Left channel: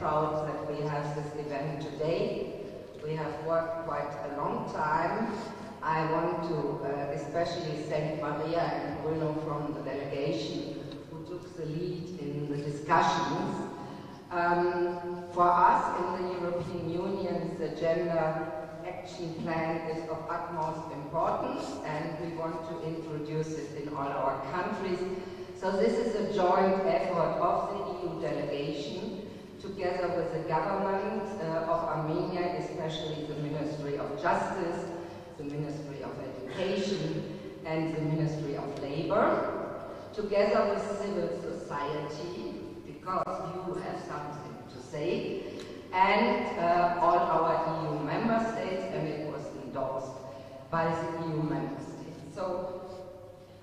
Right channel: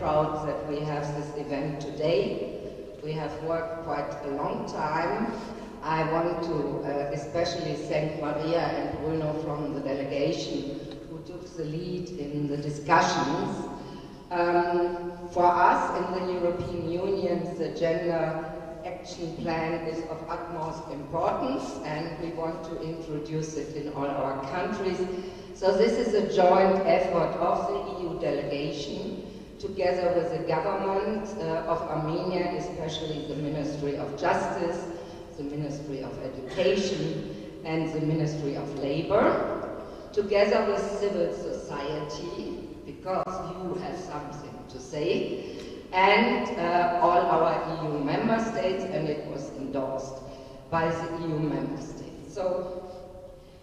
proud that we have this event today. We have worked quite a long time. I want to especially thank Maria and Bruno from the delegation who took the lead in the discussions. For us in the European Union, the Gender Action Plan is of utmost importance, and we want to introduce it in all our countries. So this is a joint effort of the EU delegation, together with the government of Armenia, especially the Ministry of Justice, the Ministry of Education, and the Ministry of Labor, together with civil society, because you have something to say, and all our EU member states, and it was endorsed by the EU member states. So,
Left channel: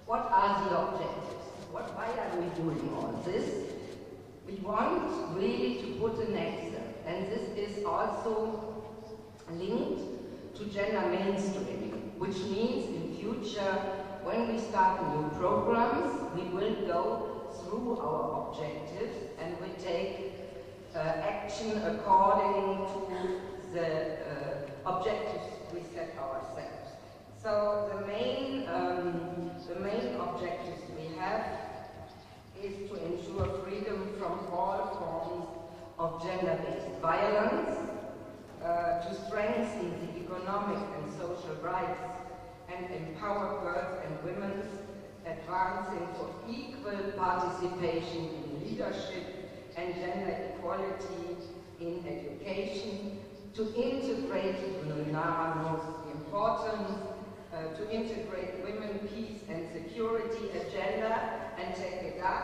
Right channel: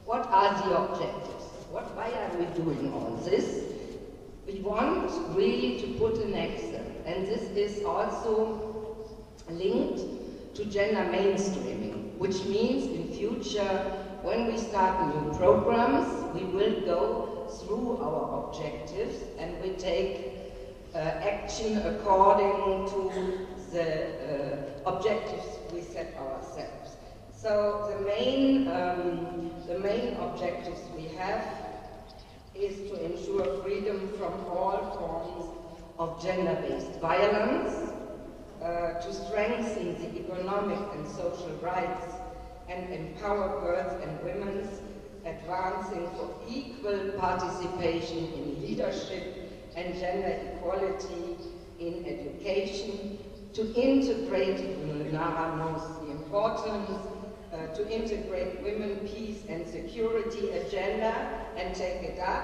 what are the objectives? Why are we doing all this? We want really to put an accent, and this is also linked to gender mainstreaming, which means in future, when we start new programs, we will go through our objectives and we take action according to the objectives we set ourselves. So the main objectives we have is to ensure freedom from all forms of gender-based violence, to strengthen the economic and social rights and empower girls and women, advancing for equal participation in leadership and gender equality in education, to integrate, Nara knows the importance, to integrate women, peace and security agenda and take it up,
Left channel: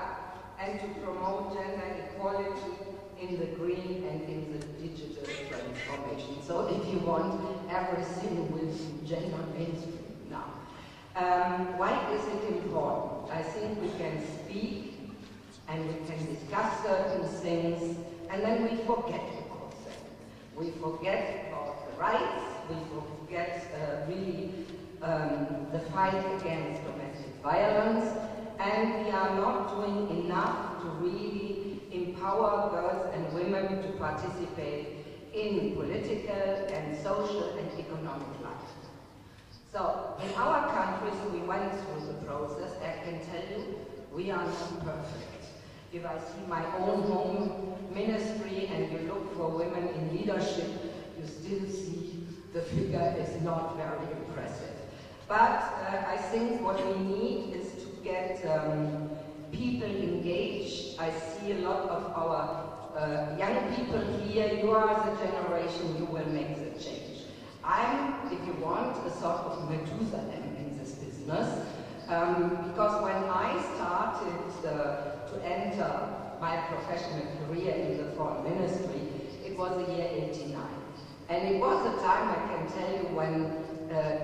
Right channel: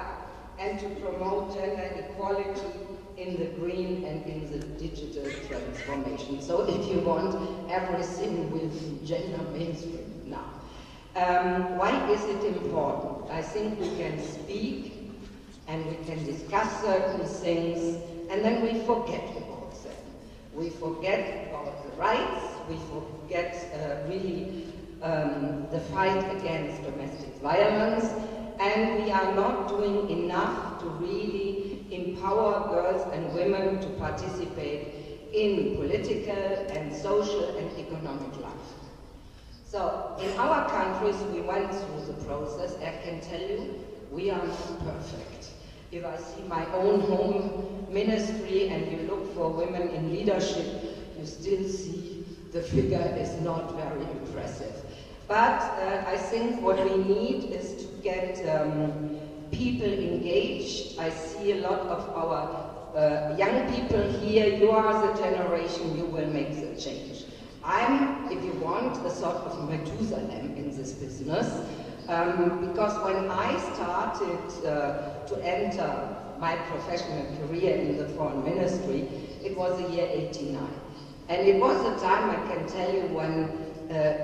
and to promote gender equality in the green and in the digital transformation. So if you want, everything will be gender mainstream now. Why is it important? I think we can speak and we can discuss certain things, and then we forget about them. We forget about the rights, we forget really the fight against domestic violence, and we are not doing enough to really empower girls and women to participate in political and social and economic life. So, in our countries, we went through the process. I can tell you, we are not perfect. If I see my own home ministry and you look for women in leadership, you still see the figure is not very impressive. But I think what we need is to get people engaged. I see a lot of our young people here. You are the generation, you will make the change. I'm, if you want, a sort of Methuselah in this business, because when I started to enter my professional career in the foreign ministry, it was the year '89. And it was the time, I can tell you, when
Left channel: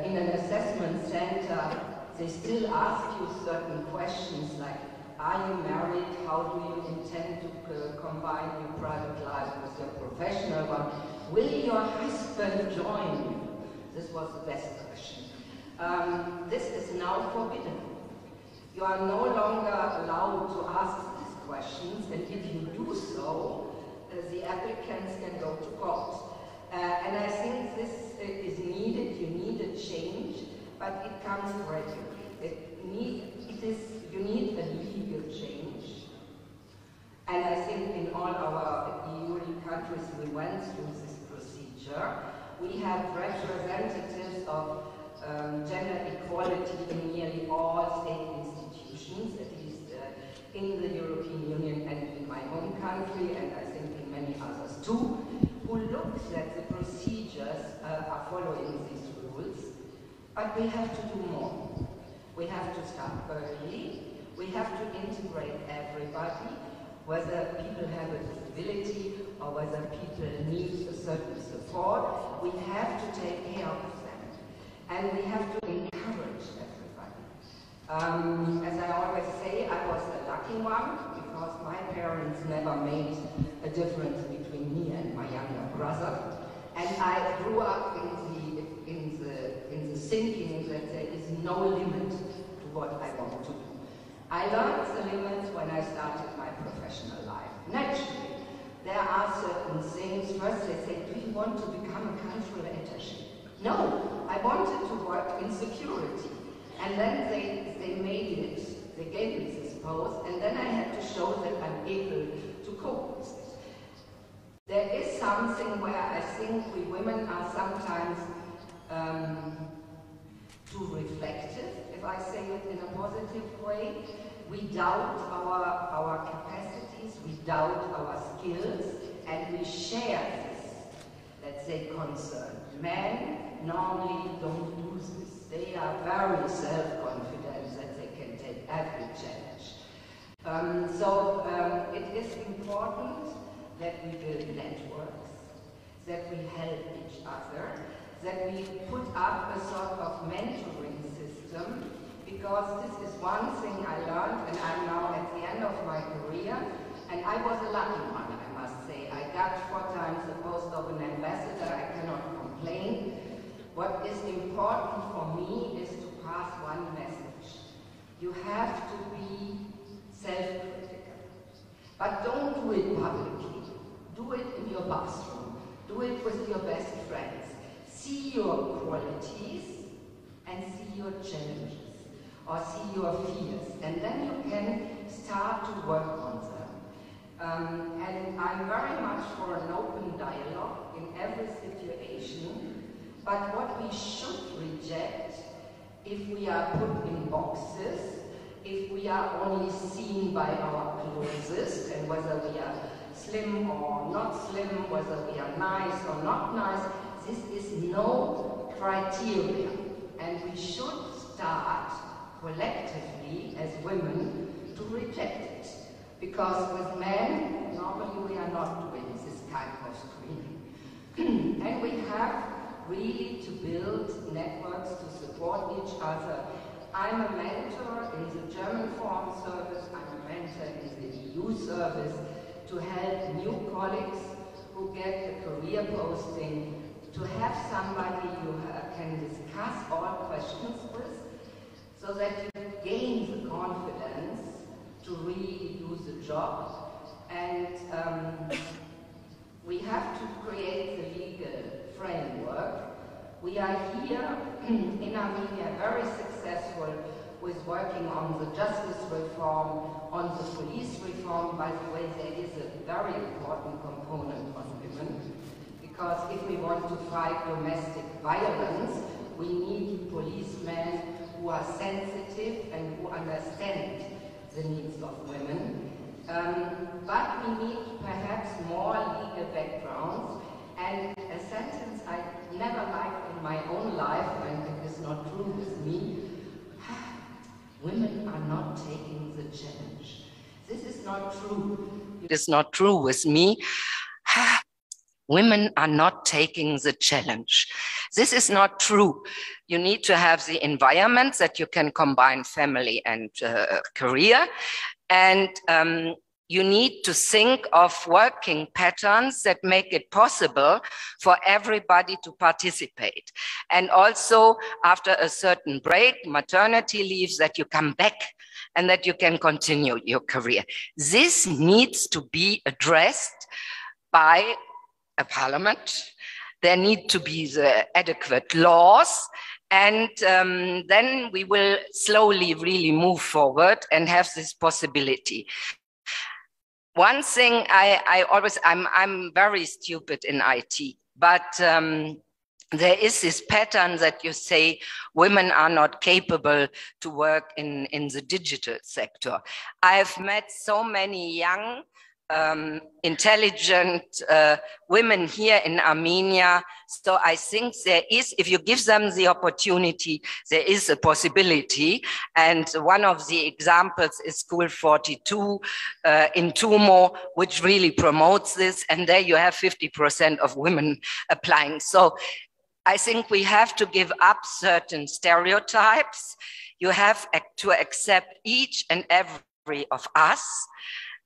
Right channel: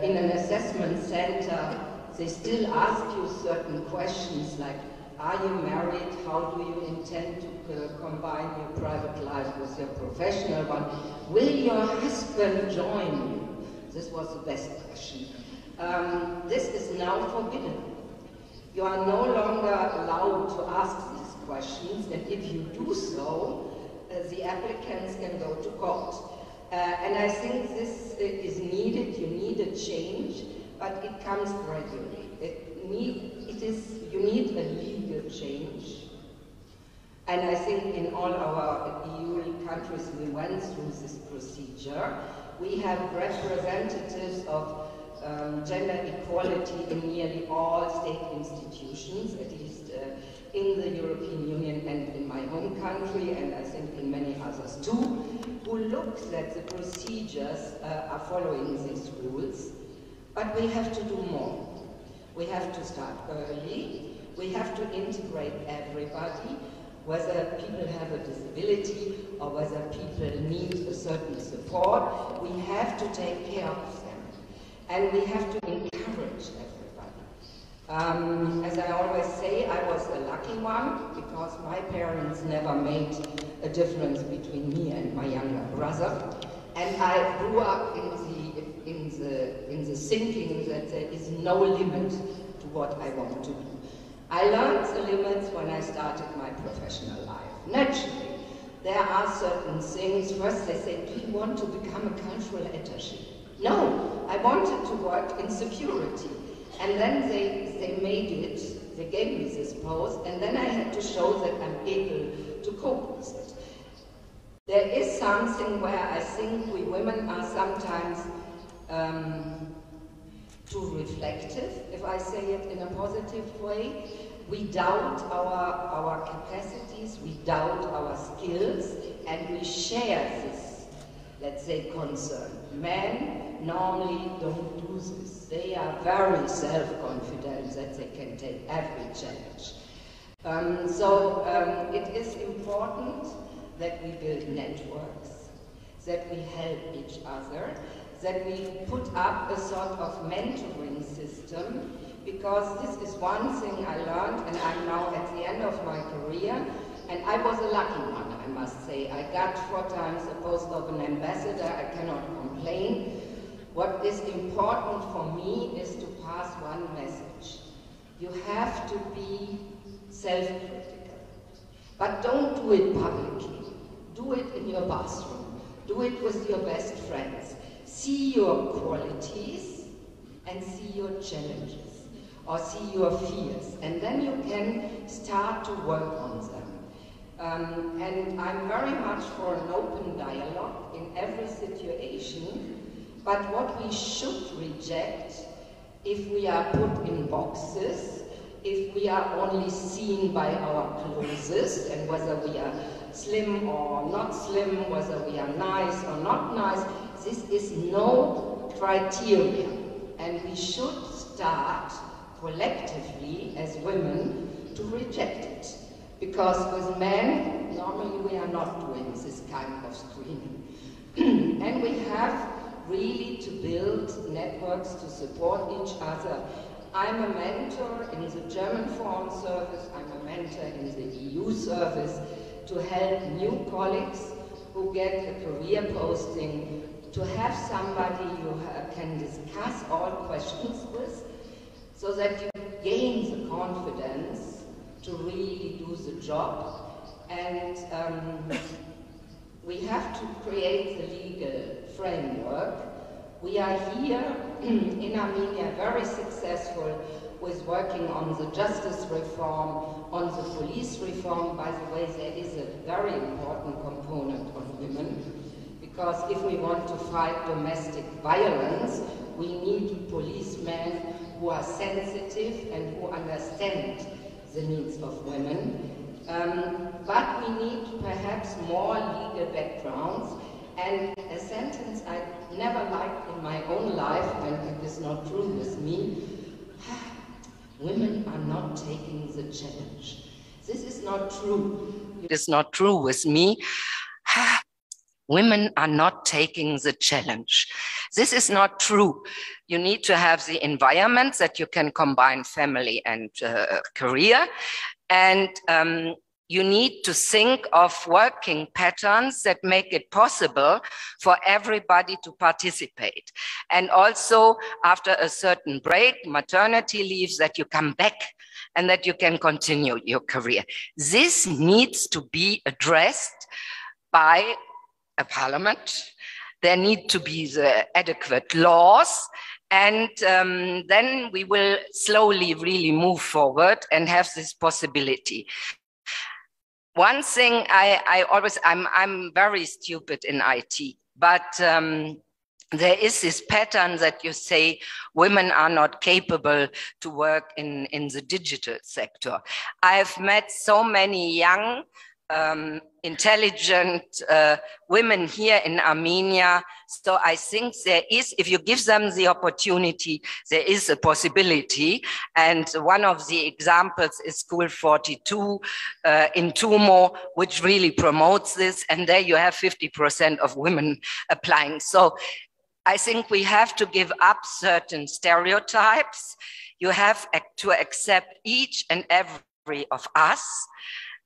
in an assessment center, they still ask you certain questions like, are you married? How do you intend to combine your private life with your professional one? Will your husband join you? This was the best question. This is now forbidden. You are no longer allowed to ask these questions, and if you do so, the applicants can go to court. And I think this is needed. You need a change, but it comes gradually. You need a legal change. And I think in all our EU countries we went through this procedure. We have representatives of gender equality in nearly all state institutions, at least in the European Union and in my own country, and I think in many others too, who looks that the procedures are following these rules. But we have to do more. We have to start early. We have to integrate everybody, whether people have a disability or whether people need a certain support. We have to take care of them. And we have to encourage everybody. As I always say, I was a lucky one because my parents never made a difference between me and my younger brother. And I grew up in the thinking that there is no limit to what I want to do. I learned the limits when I started my professional life. Naturally, there ask certain things, first they say, do you want to become a cultural attaché? No, I wanted to work in security. And then they made it, they gave me this post, and then I had to show that I'm able to cope with it. There is something where I think we women are sometimes too reflective, if I say it in a positive way. We doubt our capacities, we doubt our skills, and we share this, let's say, concern. Men normally don't do this. They are very self-confident that they can take every challenge. It is important that we build networks, that we help each other, that we put up a sort of mentoring system, because this is one thing I learned, and I'm now at the end of my career, and I was a lucky one, I must say. I got 4 times the post of an ambassador, I cannot complain. What is important for me is to pass one message. You have to be self-critical, but don't do it publicly. Do it in your bathroom. Do it with your best friends. See your qualities and see your challenges, or see your fears, and then you can start to work on them. And I'm very much for an open dialogue in every situation, but what we should reject, if we are put in boxes, if we are only seen by our clothes, and whether we are slim or not slim, whether we are nice or not nice, this is no criteria. And we should start collectively as women to reject it. Because with men, normally we are not doing this kind of screening. And we have really to build networks to support each other. I'm a mentor in the German Foreign Service, I'm a mentor in the EU service to help new colleagues who get a career posting, to have somebody you can discuss all questions with, so that you gain the confidence to really do the job. And we have to create the legal framework. We are here in Armenia very successful with working on the justice reform, on the police reform. By the way, there is a very important component on women, because if we want to fight domestic violence, we need policemen who are sensitive and who understand the needs of women. But we need perhaps more legal backgrounds. And a sentence I never liked in my own life, and it is not true with me, women are not taking the challenge. This is not true. It is not true with me. Women are not taking the challenge. This is not true. You need to have the environment that you can combine family and career. And you need to think of working patterns that make it possible for everybody to participate. And also, after a certain break, maternity leaves, that you come back and that you can continue your career. This needs to be addressed by a parliament. There need to be the adequate laws, and then we will slowly really move forward and have this possibility. One thing I'm very stupid in IT, but there is this pattern that you say women are not capable to work in the digital sector. I've met so many young, intelligent women here in Armenia. So I think there is, if you give them the opportunity, there is a possibility. And one of the examples is School 42 in Tumo, which really promotes this. And there you have 50% of women applying. So I think we have to give up certain stereotypes. You have to accept each and every of us.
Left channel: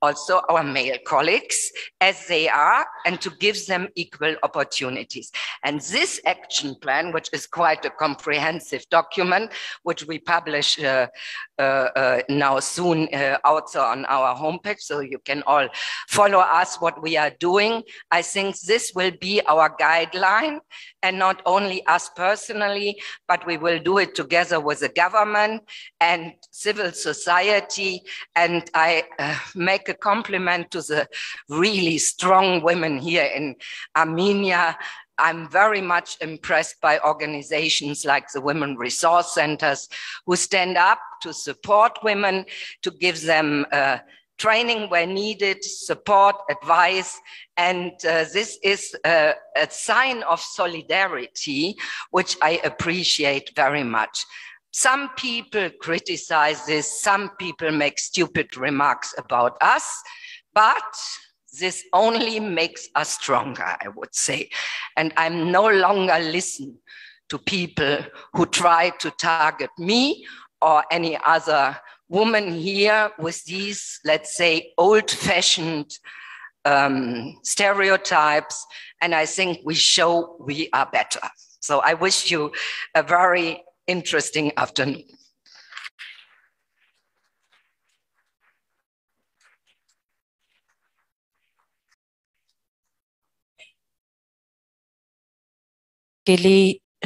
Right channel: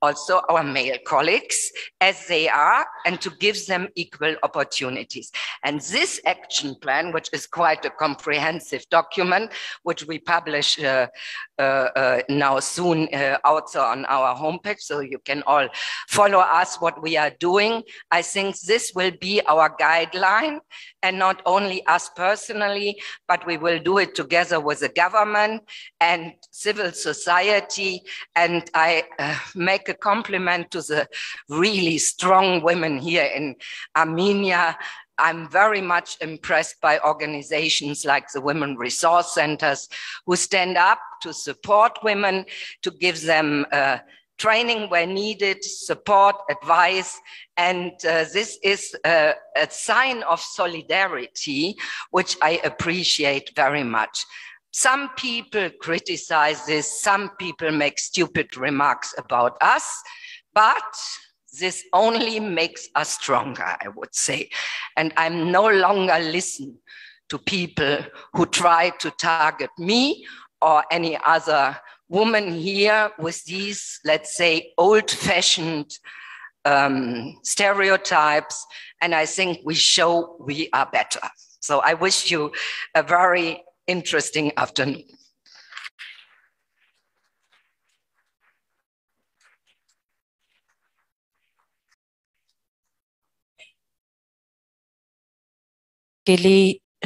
also our male colleagues as they are, and to give them equal opportunities. And this action plan, which is quite a comprehensive document, which we publish now soon also on our homepage, so you can all follow us what we are doing. I think this will be our guideline, and not only us personally, but we will do it together with the government and civil society. And I make a compliment to the really strong women here in Armenia. I'm very much impressed by organizations like the Women Resource Centers, who stand up to support women, to give them training where needed, support, advice. And this is a sign of solidarity, which I appreciate very much. Some people criticize this, some people make stupid remarks about us, but this only makes us stronger, I would say. And I'm no longer listen to people who try to target me or any other woman here with these, let's say, old-fashioned stereotypes. And I think we show we are better. So I wish you a very interesting afternoon. Kelly